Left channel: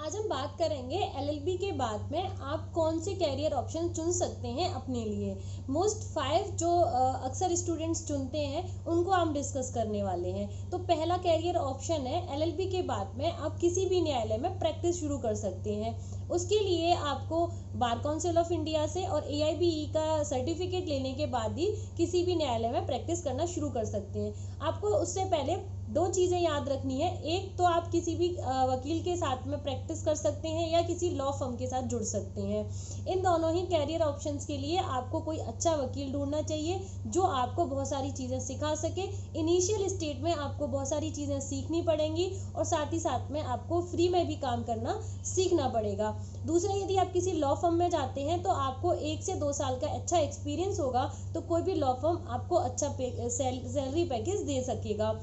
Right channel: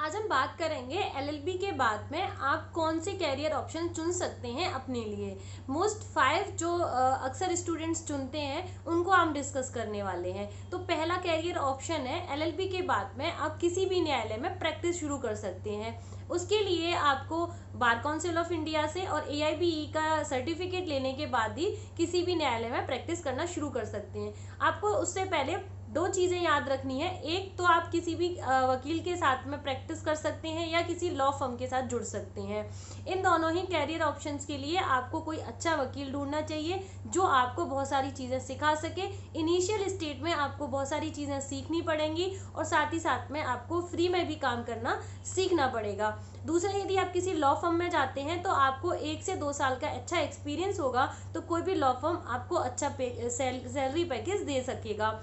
आज हम बात करेंगे एलएलबी के बाद में आप कौन से कैरियर ऑप्शन चुन सकते हैं अपने लिए। मोस्ट 5 जो अक्सर स्टूडेंट्स चुनते हैं उनको हम डिस्कस करने वाले हैं। तो पहला कैरियर ऑप्शन है एलएलबी के बाद में आप किसी भी न्यायालय में प्रैक्टिस शुरू कर सकते हैं। उसके लिए आपको बार काउंसिल ऑफ इंडिया से और एआईबीई का सर्टिफिकेट लेने के बाद ही किसी भी न्यायालय में प्रैक्टिस करना शुरू कर सकते हैं। आपको उससे पहले दो चीज़ें याद रखनी है। एक तो आप किसी भी वकील के साथ में प्रैक्टिस कर सकते हैं या किसी लॉ फर्म के साथ जुड़ सकते हैं। इन दोनों ही कैरियर ऑप्शंस के लिए आपको कोई अच्छा वकील ढूंढना चाहिए जो आपको बहुत सारी चीज़ें सिखा सके। इनिशियल स्टेज में आपको बहुत सारी चीज़ें सीखनी पड़ेंगी और साथ ही साथ में आपको फ्री में भी काम करना सीखना पड़ेगा। दूसरा, यदि आप किसी लॉ फर्म में जाते हैं तो आपको 1 से 2 साल का अच्छा एक्सपीरियंस होगा तो कोई भी लॉ फर्म आपको अच्छा सैलरी पैकेज दे सकेगा।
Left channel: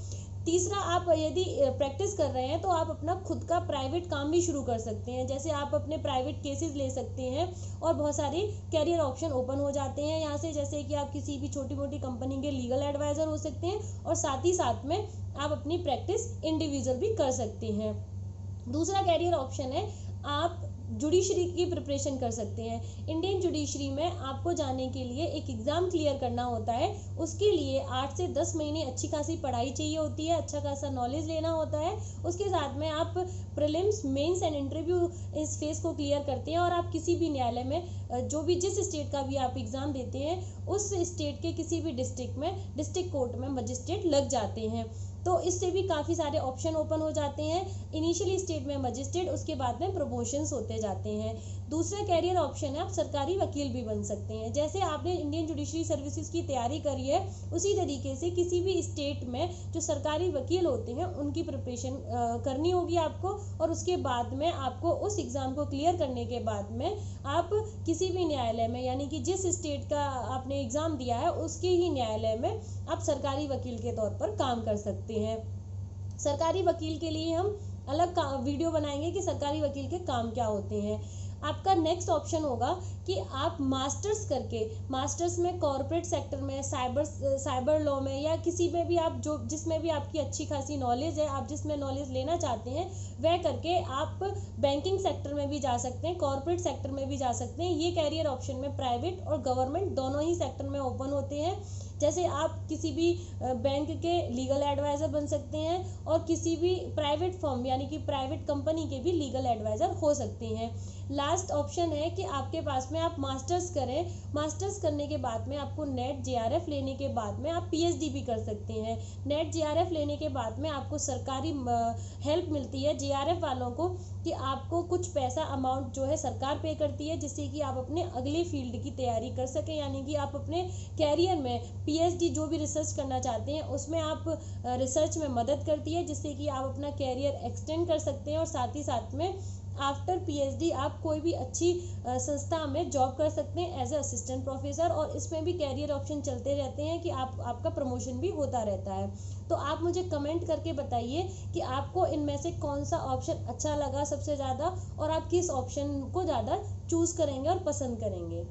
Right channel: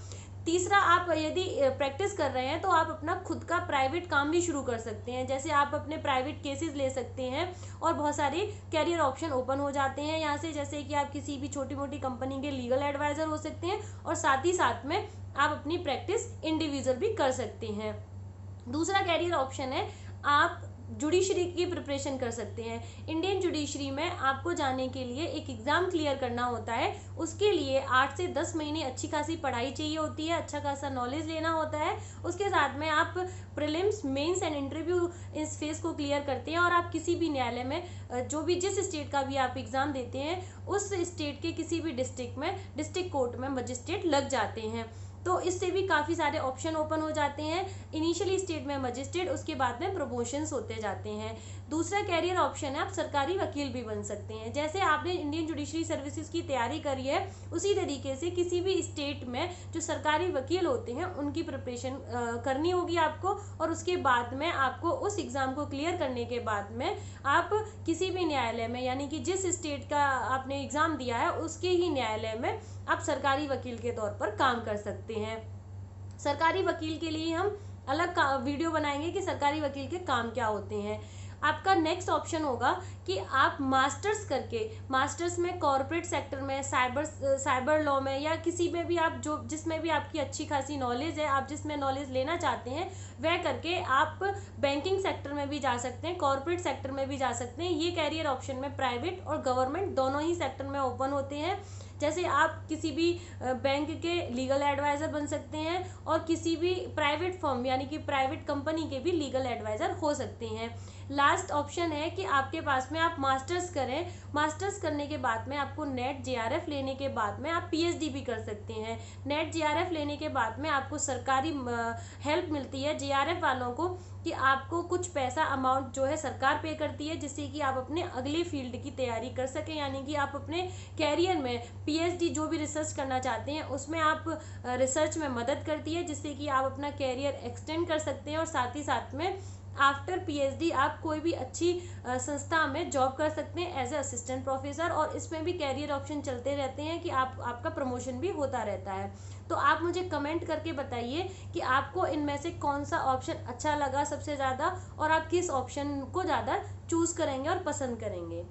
तीसरा, आप यदि प्रैक्टिस कर रहे हैं तो आप अपना खुद का प्राइवेट काम भी शुरू कर सकते हैं। जैसे आप अपने प्राइवेट केसेस ले सकते हैं और बहुत सारे कैरियर ऑप्शन ओपन हो जाते हैं यहाँ से। जैसे कि आप किसी भी छोटी मोटी कंपनी के लीगल एडवाइज़र हो सकते हैं और साथ ही साथ में आप अपनी प्रैक्टिस इंडिविजुअल भी कर सकते हैं। दूसरा कैरियर ऑप्शन है आप जुडिशरी की प्रिपरेशन कर सकते हैं। इंडियन जुडिशरी में आपको जाने के लिए एक एग्ज़ाम क्लियर करना होता है। उसके लिए 8 से 10 महीने अच्छी खासी पढ़ाई चाहिए होती है, अच्छा खासा नॉलेज लेना होता है। उसके साथ में आप प्रीलिम्स, मेंस एंड इंटरव्यू इस फेस को क्लियर करते हैं और आप किसी भी न्यायालय में जो भी जिस स्टेट का भी आप एग्ज़ाम देते हैं उस स्टेट के किसी भी डिस्ट्रिक्ट में डिस्ट्रिक्ट कोर्ट में मजिस्ट्रेट लग जाते हैं। तो इससे भी काफ़ी सारे ऑप्शन ओपन हो जाते हैं। इनिशियली स्टेज में मजिस्ट्रेट, उसके बाद में प्रमोशंस होते जाते हैं। दूसरा कैरियर ऑप्शन है आप सरकारी वकील भी बन सकते हैं। जैसे आपने इंडियन जुडिशरी सर्विसेज की तैयारी करी है उसी तरीके से किसी भी स्टेट में जो सरकारी वकील होते हैं उनकी प्रिपरेशन करनी होगी आपको। और उसके बाद में आपको उस एग्ज़ाम को क्लियर करने के बाद में आप किसी भी न्यायालय में, यानी कि जिस स्टेट का आपने एग्ज़ाम दिया है उसके ही न्यायालय में आप सरकारी वकील के तौर पर काम कर सकते हैं। सरकारी वकील के लिए हम अलग वीडियो बनाएंगे कि सरकारी वकील के काम क्या होते हैं। आपका नेक्स्ट ऑप्शन होगा कि आप मास्टर्स करके, मास्टर्स में कॉरपोरेट सेक्टर में, साइबर लॉ में या किसी में भी आप जो जिसमें भी आपकी अच्छी खासी नॉलेज है, आप जिसमें नॉलेज लेना चाहते हैं वह करके आप बैंकिंग सेक्टर में भी जा सकते हैं, कॉरपोरेट सेक्टर में भी जा सकते हैं। ये कैरियर ऑप्शन में प्राइवेट और गवर्नमेंट दोनों ही सेक्टर में ओपन होते हैं। जैसे आप किसी भी बैंक के लीगल एडवाइज़र बन सकते हैं और किसी भी प्राइवेट फर्म यानी कि प्राइवेट कंपनी के भी लीगल एडवाइज़र हो सकते हैं। लास्ट ऑप्शन है कि आपके पास में आप मास्टर्स करें। मास्टर्स करने के बाद में आपको नेट जेआरएफ लेने के बाद में आप पीएचडी भी कर सकते हैं। नेट जेआरएफ लेने के बाद में आपको सरकारी हेल्प मिलती है जेआरएफ वालों को कि आपको कुछ पैसा अमाउंट जो है सरकार पे करती है जिससे कि आप अपने अगले फील्ड की तैयारी कर सकें। यानी कि आप अपने कैरियर में पीएचडी जो भी रिसर्च करना चाहते हैं उसमें आप रिसर्च में मदद करती है जिससे कि आप अपना कैरियर एक्सटेंड कर सकते हैं। और साथ ही साथ में आफ्टर पीएचडी आप कोई भी अच्छी संस्था में जॉब कर सकते हैं एज ए असिस्टेंट प्रोफेसर। और इसमें भी कैरियर ऑप्शन चलते रहते हैं कि आपका प्रमोशन भी होता रहता है। तो आप मुझे कमेंट करके बताइए कि आपको इनमें से कौन सा ऑप्शन अच्छा लगा सबसे ज़्यादा और आप किस ऑप्शन को ज़्यादा चूज़ करेंगे और पसंद करेंगे।